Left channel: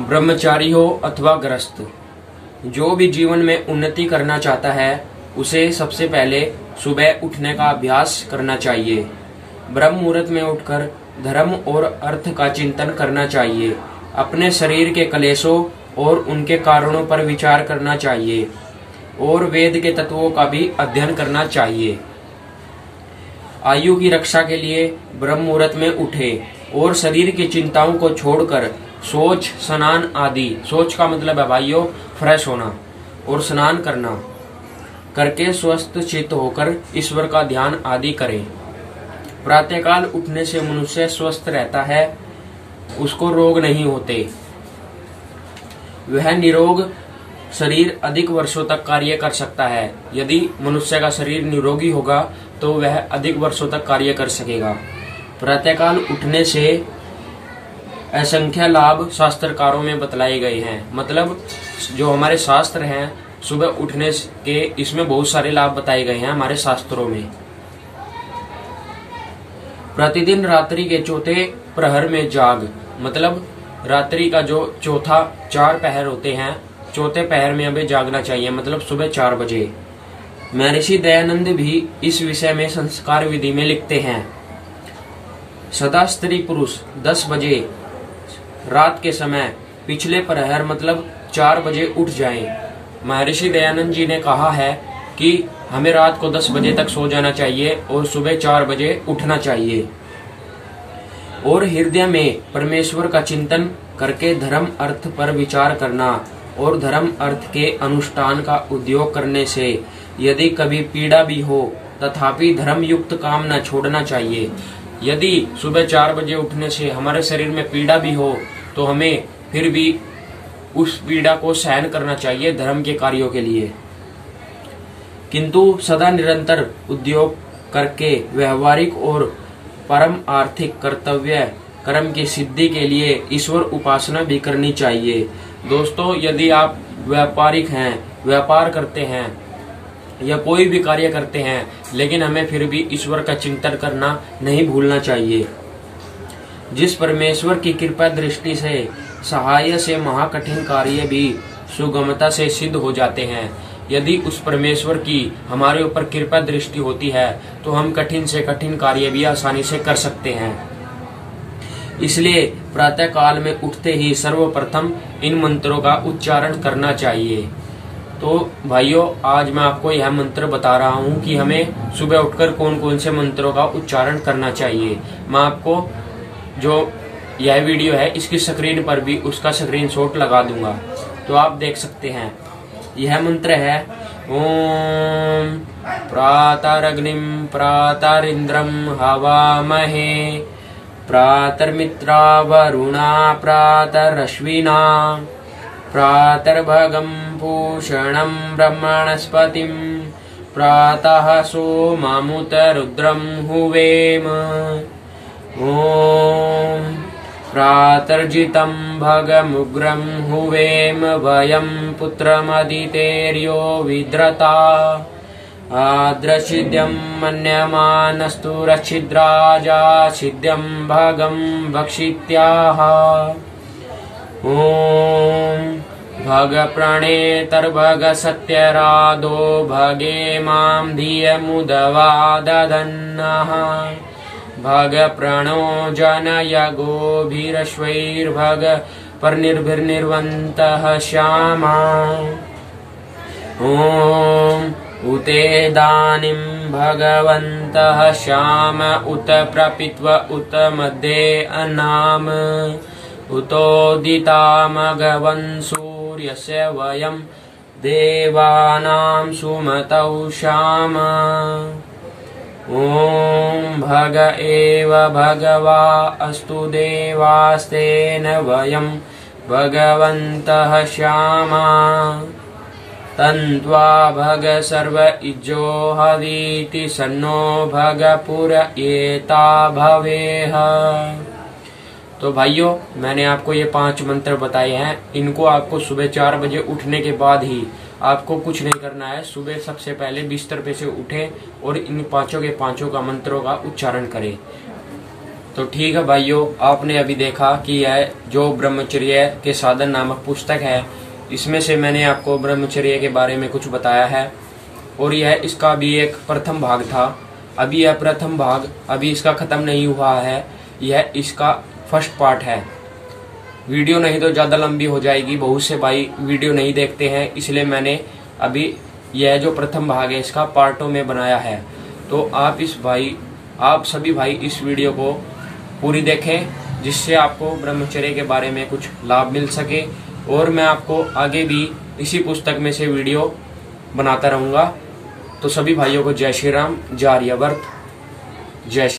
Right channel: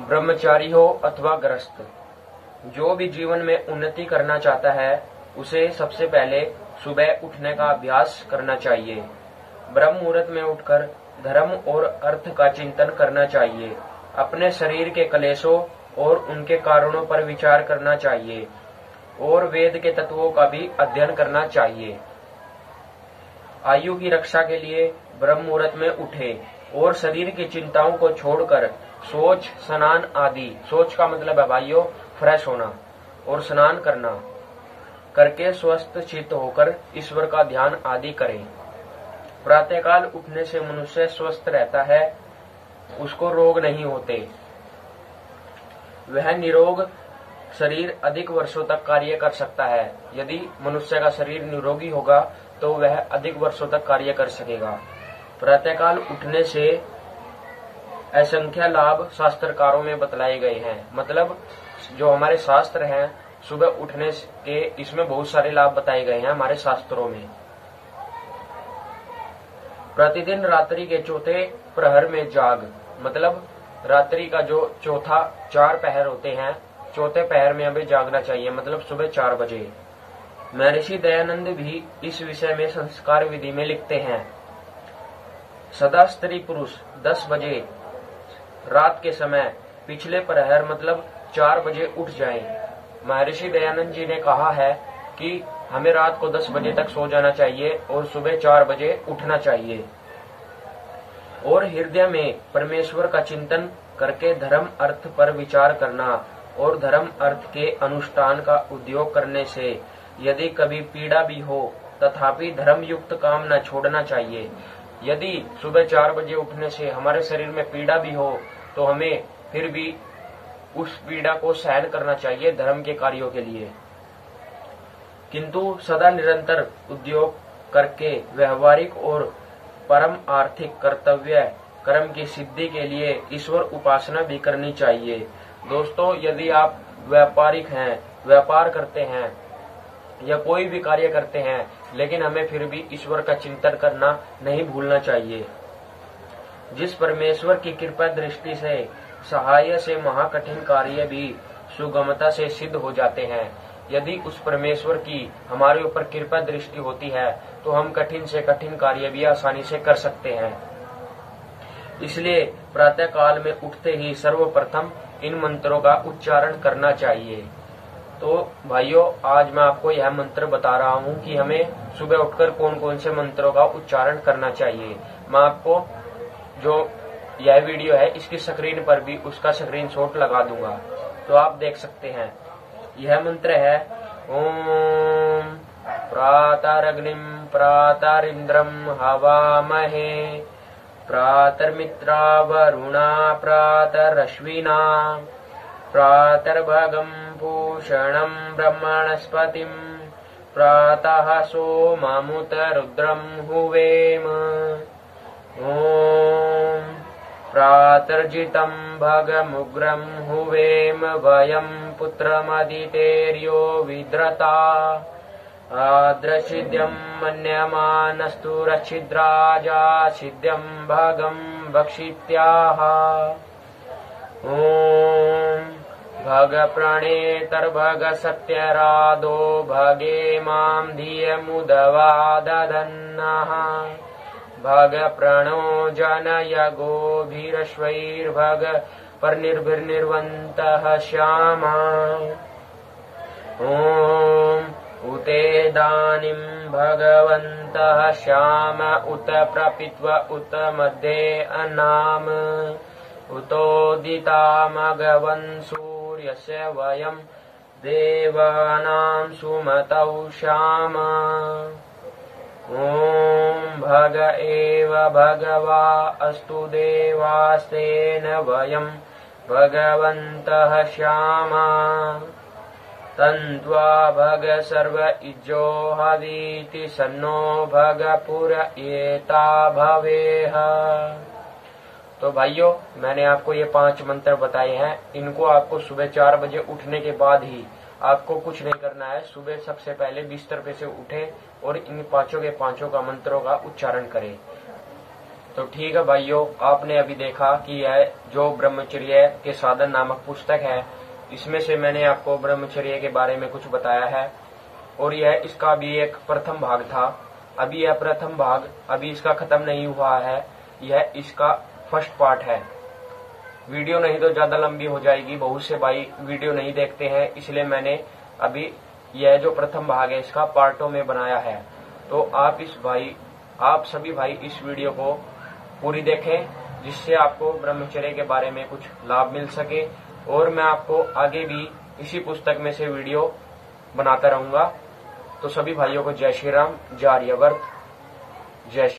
ब्रह्मचारी हो अथवा गृहस्थ, जो भी जीवन में उन्नति करना चाहता है उसे सबसे पहले सुबह उठने का अभ्यास करना चाहिए। ब्रह्म मुहूर्त में उठकर धर्म और अर्थ का चिंतन करना चाहिए। अपने शरीर के क्लेशों और उनके कारणों पर विचार करना चाहिए और वेद के तत्वों का भी अध्ययन करना चाहिए। आयु की रक्षा के लिए ब्रह्म मुहूर्त में उठे और शरीर की चिंताओं को छोड़कर सोच स्नान आदि, सोच का मतलब है भाइयों फ्रेश होना, और स्नान करना करके स्वस्थ चित्त होकर ईश्वर का ध्यान आदि करें। प्रातःकाल उठने से मनुष्य स्वस्थ रहता है, उसको रोग नहीं होते, वह निरोग शरीर अधिक वर्षों तक कार्य कर सकता है। यदि मनुष्य का शरीर निरोगी होगा तो वह अधिक वर्षों तक कार्य कर सकेगा। प्रातःकाल उठने से असंख्य लाभ शास्त्रकारों में बतलाए गए हैं। मतलब जो हमारे शास्त्र हैं, सुबह उठने के इसमें बहुत सारे लाभ बताए गए हैं हमारे शास्त्रों में। प्रतिदिन रात्रि के चौथे प्रहर में जाग, मतलब रात्रि का जो चौथा 4 पहर होते हैं, चौथे पहर में हमें जागना चाहिए, मतलब सुबह 4 बजे। महर्षि दयानंद भी इस विषय में संस्कार विधि में लिखते हैं, सदा स्त्री पुरुष 10 बजे रात के समय पिछले प्रहर मतलब 4 बजे उठ जाएं। महर्षि दयानंद जी ने कहा है कि हमें रात को 10 बजे तक सो जाना चाहिए और सुबह 4 बजे उठना चाहिए, और हृदय में परमेश्वर का चिंतन करके धर्म अर्थ पर विचार करना और धर्म अर्थ के अनुष्ठान का उद्योग करने से यदि कभी पीड़ा भी हो तथापि धर्म युक्त काम न छोड़ना चाहिए। यदि सुबह 4 बजे उठने से हमारे शरीर में पीड़ा भी हो तो हमें फिर भी उस पीड़ा को सहन करना चाहिए धर्म के कार्यों के लिए, किंतु सदा निरंतर उद्योग करके व्यवहारिक और परम आर्थिक कर्तव्य कर्म की सिद्धि के लिए ईश्वर उपासना भी करनी चाहिए। दोस्तों, यदि आप व्यापारिक हैं, व्यापार करते हैं या कोई भी कार्य करते हैं, लेकिन हमें फिर भी ईश्वर का चिंतन करना नहीं भूलना चाहिए। जिस परमेश्वर की कृपा दृष्टि से सहाय से महाकठिन कार्य भी सुगमता से सिद्ध हो जाते हैं। यदि उस परमेश्वर की हमारे ऊपर कृपा दृष्टि होती है तो हम कठिन से कठिन कार्य भी आसानी से कर सकते हैं। इसलिए प्रातः काल में उठते ही सर्वप्रथम इन मंत्रों का उच्चारण करना चाहिए। तो भाइयों, आज मैं आपको यह मंत्र बता रहा हूँ कि हमें सुबह उठकर कौन कौन से मंत्रों का उच्चारण करना चाहिए। मैं आपको जो यह वीडियो है इसकी स्क्रीन पर भी उसका स्क्रीनशॉट लगा दूंगा, तो आप देख सकते हैं। यह मंत्र है ओम प्रातरग्निम प्रातरिंद्रम हवामहे प्रातर्मित्रा वरुणा प्रातरश्विना प्रातर्भगं पूषणं ब्रह्मणस्पतिं प्रातः सोममुत रुद्रं हुवेम। ओम प्रातर्जितं भगमुग्रं हुवेम वयं पुत्रमदितेर्यो विद्रता आद्रशिद्यं मन्यमानस्तु रच्छिद्राजा छिद्यं भगं भक्षित्याः। ओम भग प्रणेतर्भग सत्यरादो भगे मां धियमुदवा दधन्नः भग प्रणो जनय गोभिरश्वैर्भग परनिर्भिर्निर्वन्तः श्यामा। ओम उतेदानीं भगवन्तः श्याम उत प्रपित्व उत मध्ये अनाम उतोदितामघवन् सूर्यस्य वयं देवानां सुमतौ श्याम। ओम भग एव भगवा अस्तु देवास्तेन वयं भगवन्तः श्यामा तन्त्वा भग सर्व इज्जो हवीति सन्नो भग पुर एता भवेह। तो भाइयों, मैंने आपको ये 5 मंत्र बताए हैं। इनको आपको सुबह 4 बजे उठने के बाद ही, आपको कुछ नहीं करना है, सुबह सबसे पहले बिस्तर पे से उठें और इन 5 के 5 का मंत्रों का उच्चारण करें। तो ठीक है भाइयों, आपने अभी देखा कि यह जो ब्रह्मचर्य के साधन नामक पुस्तक है, इसमें से मैंने आपको ब्रह्मचर्य के बारे में कुछ बताया है और यह इसका भी एक प्रथम भाग था। अभी यह प्रथम भाग अभी इसका खत्म नहीं हुआ है, यह इसका फर्स्ट पार्ट है। वीडियो नहीं तो ज़्यादा लंबी हो जाएगी, बहुत से भाई वीडियो नहीं देखते हैं, इसलिए मैंने अभी यह जो प्रथम भाग है इसका पार्टों में बनाया है। तो आप सभी भाई इस वीडियो को पूरी देखें, जिससे आपको ब्रह्मचर्य के बारे में कुछ लाभ मिल सके। और मैं आपको आगे भी इसी पुस्तक में से वीडियो बनाता रहूँगा। तो सभी भाइयों को जय श्री राम, जय आर्यावर्त, जय श्री